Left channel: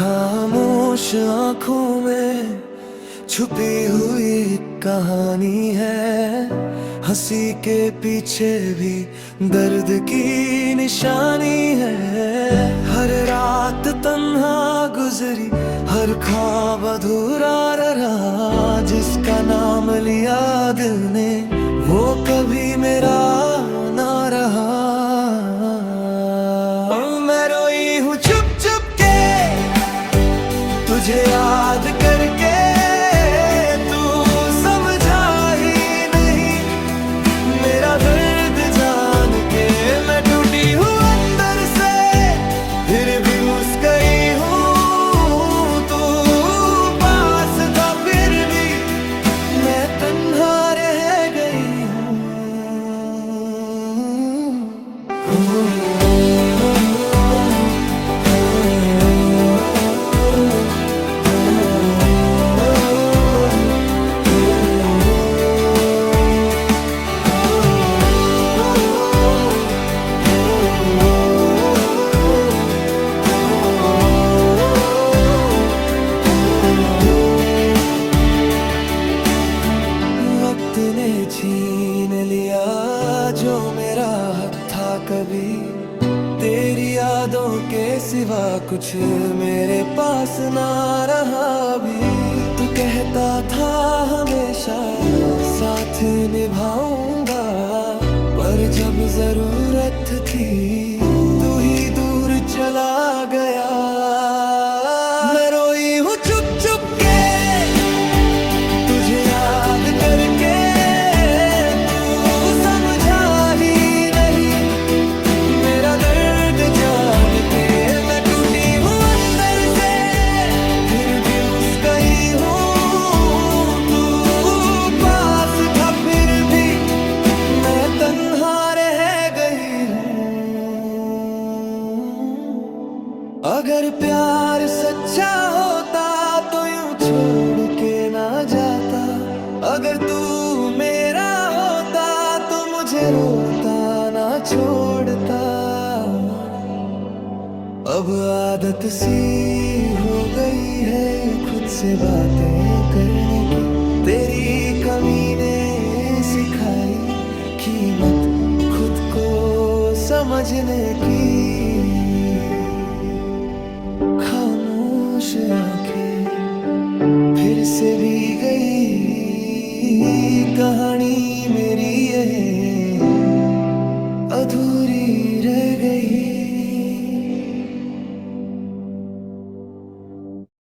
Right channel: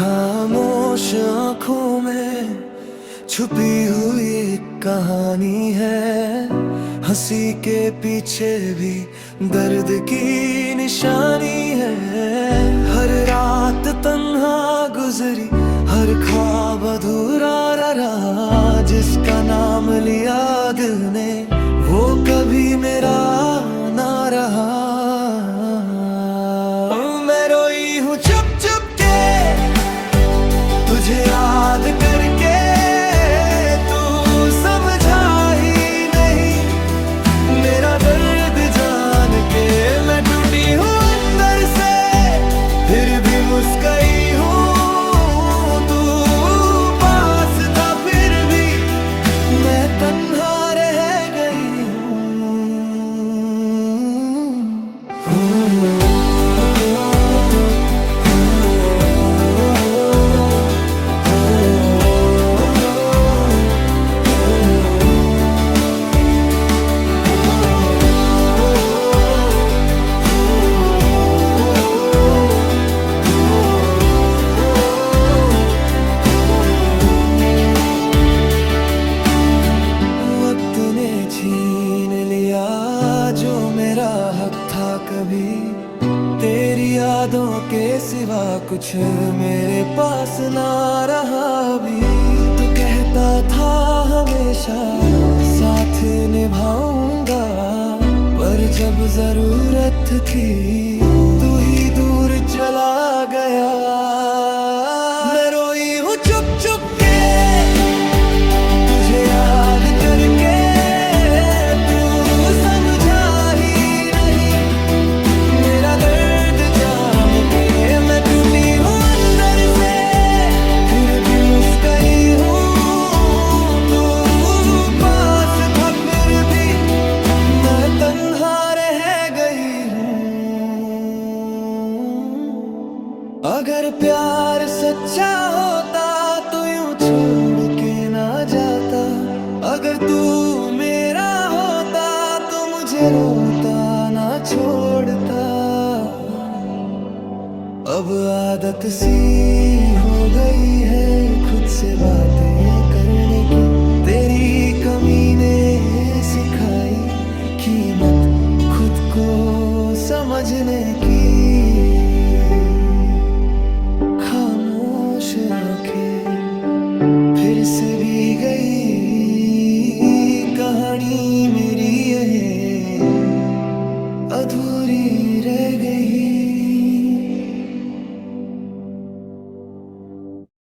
खामोश आंखों में छुपी हुई कहानी है, हंसी के पीछे भी दर्द की निशानी है। हर रात तन्हा गुजरी, हर ख्वाब अधूरा रहा, जिसका नाम लिया दिल ने वो कभी मेरा ना रहा। मैं रोई हूँ चुप चुप के तुझे याद करके, तू समझा ही नहीं मेरा दर्द जान के। मैं टूटी हूँ अंदर से फिर भी मुस्कुराई हूँ, तू पास था फिर भी मैं तन्हा रह गई हूँ। वक्त ने छीन लिया जो मेरा हक था कभी, तेरी यादों के सिवा कुछ मेरे पास ना रहा अभी। तू कहता था हमेशा साथ निभाऊंगा, पर जब जरूरत थी तू ही दूर चला गया। मैं रोई हूँ चुप चुप के तुझे याद करके, तू समझा ही नहीं मेरा दर्द जान के। मैं टूटी हूँ अंदर से फिर भी मुस्कुराई हूँ, तू पास था फिर भी मैं तन्हा रह गई हूँ। अगर प्यार सच्चा होता तो यूं छोड़ के ना जाता, अगर तू मेरा होता तो मुझे रोता ना छोड़ता। अब आदत सी हो गई है खुद से बातें करने की, तेरी कमी ने सिखाई कीमत खुद को समझने की। खामोश आंखें फिर से भी गई, कहानी मेरी ये अधूरी रह गई।